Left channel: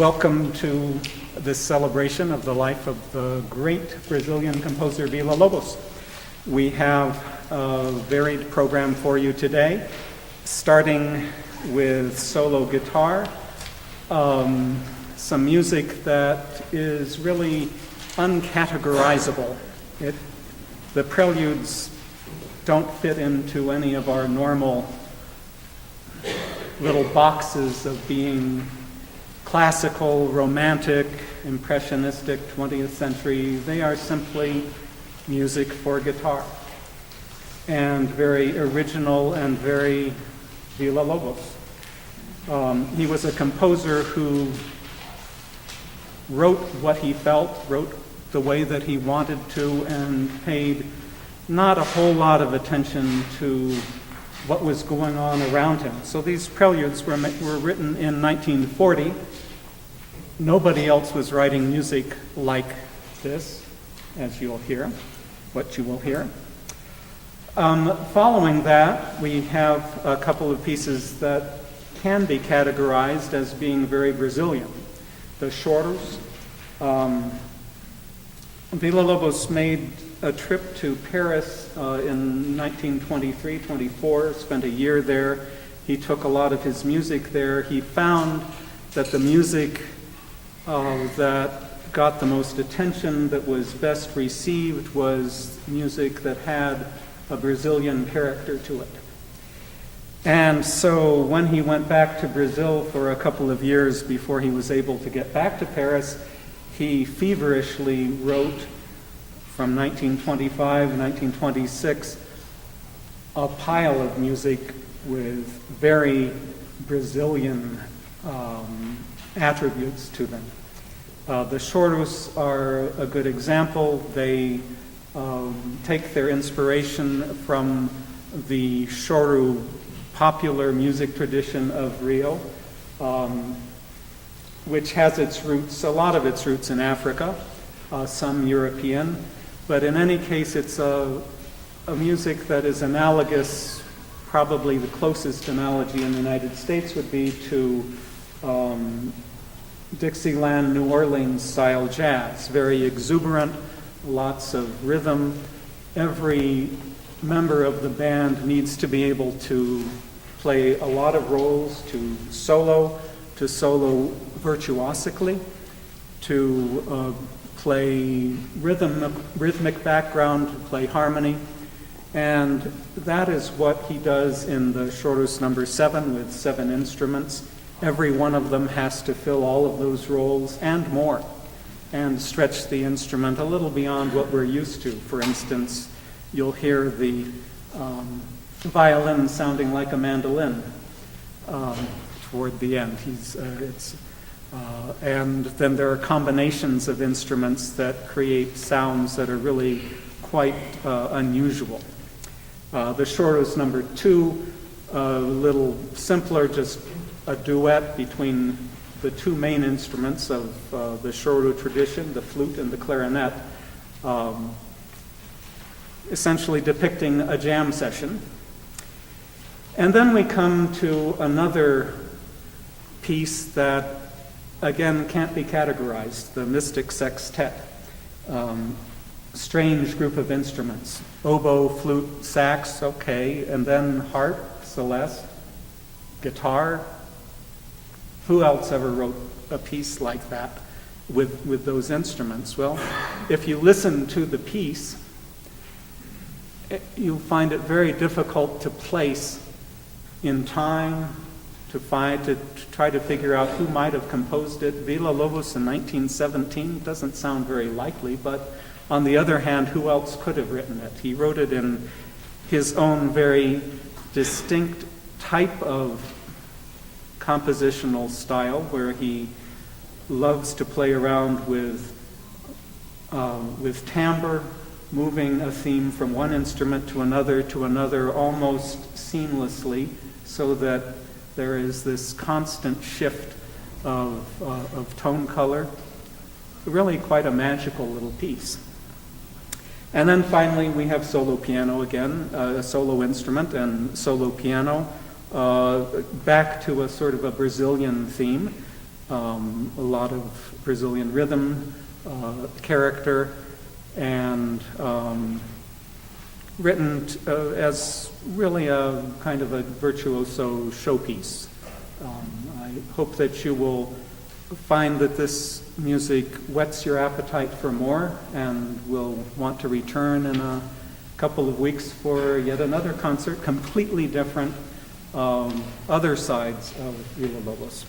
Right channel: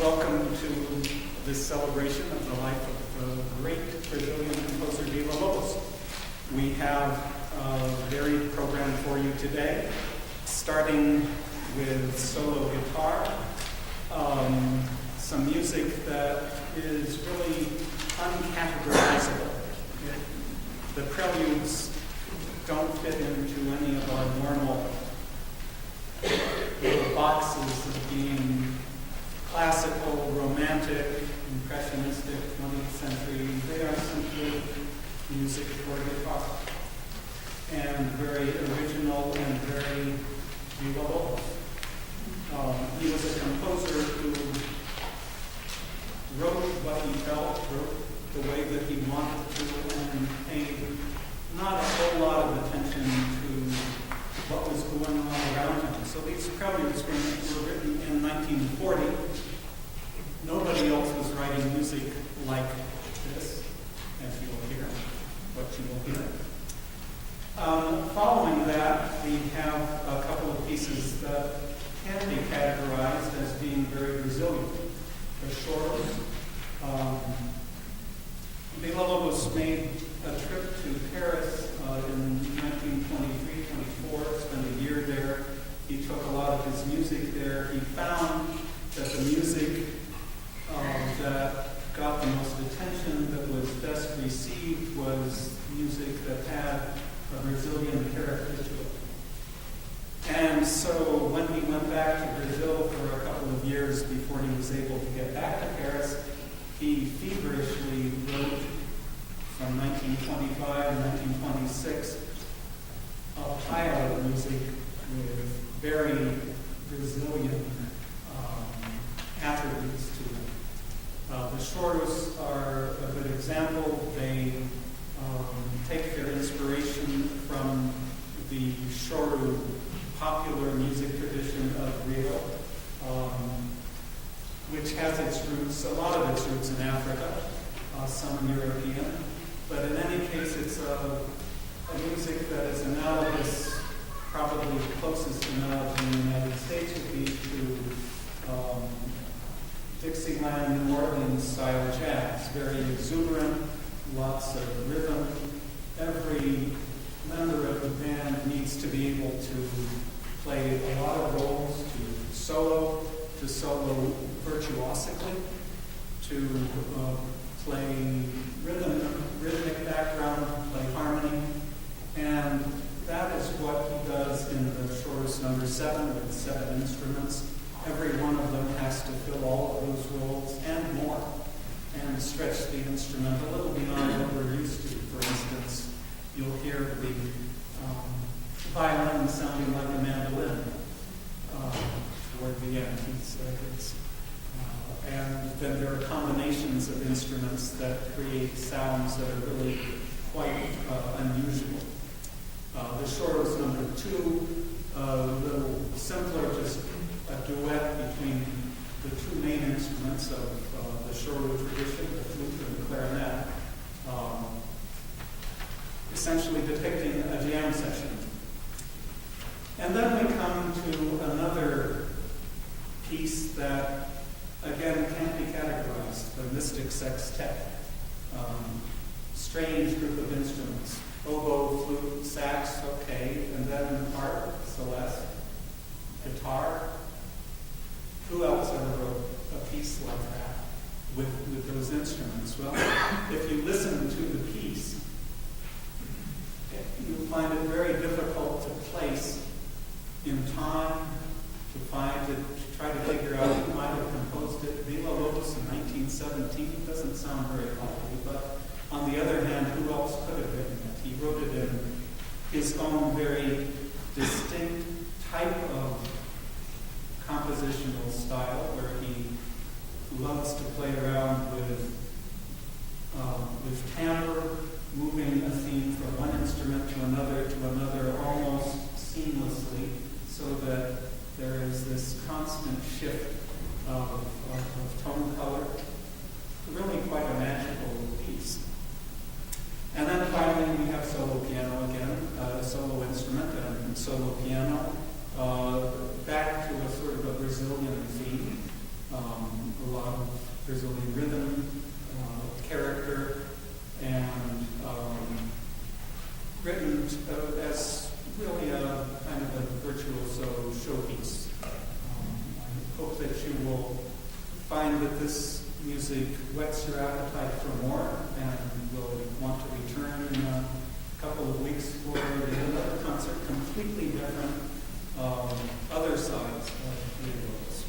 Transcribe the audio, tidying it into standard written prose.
Welcome to this celebration of the life of the great Brazilian composer Villa-Lobos. We have a varied program for you today, starting with solo guitar, some music that is really uncategorizable. The preludes don't fit into any of our normal little boxes of being classical, romantic, impressionistic, 20th century. They are simply music for guitar, and very original and very Villa-Lobos. He was a composer who wrote what he felt, wrote the way that he wanted to, and paid not a whole lot of attention to what was going on around him. So these preludes were written in 1940. Nobody else was writing music like this, as you'll hear, what you will hear. Following that, we have a couple of pieces that can be categorized as being very Brazilian. The choros. Villa-Lobos made a trip to Paris in 1923-24, spent a year there. He took a lot of his music there. He found that the music that got the most attention, that was best received, was music that had a Brazilian character to it. And so when he went back to Brazil for a couple of years before he was able to get back to Paris, he feverishly wrote from 1925 to 1926 a pile of music with very Brazilian attributes to them. The choros are a good example. They take their inspiration from the choro popular music tradition of Rio, which has its roots, a lot of its roots in Africa, some European, but in any case it's a music that is analogous. Probably the closest analogy in the United States would be to Dixieland, New Orleans style jazz, very exuberant, lots of rhythm. Every member of the band needs to be able to play a lot of roles, to solo virtuosically, to play rhythmic background, to play harmony. And that is what he does in the choros number 7 with 7 instruments. Every one of them has to fill all of those roles and more, and stretch the instrument a little beyond what we're used to. For instance, you'll hear the violin sounding like a mandolin toward the end. And then there are combinations of instruments that create sounds that are really quite unusual. The choros number 2, a little simpler, just a duet between the two main instruments of the choro tradition, the flute and the clarinet, essentially depicting a jam session. And then we come to another piece that, again, can't be categorized, the Mystic Sextet. Strange group of instruments. Oboe, flute, sax, okay, and then harp, celeste, guitar. Who else ever wrote a piece like that with those instruments? Well, if you listen to the piece, you'll find it very difficult to place in time, to try to figure out who might have composed it. Villa-Lobos in 1917 doesn't sound very likely, but on the other hand, who else could have written it? He wrote it in his own very distinct type of compositional style, where he loves to play around with timbre, moving a theme from one instrument to another almost seamlessly, so that there is this constant shift of tone color. Really quite a magical little piece. And then finally we have solo piano again, a solo instrument and solo piano, back to a sort of a Brazilian theme. a lot of Brazilian rhythm, character, and written as really a kind of a virtuoso showpiece. I hope that you will find that this music whets your appetite for more and will want to return in a couple of weeks for yet another concert, completely different, other sides of Villa-Lobos.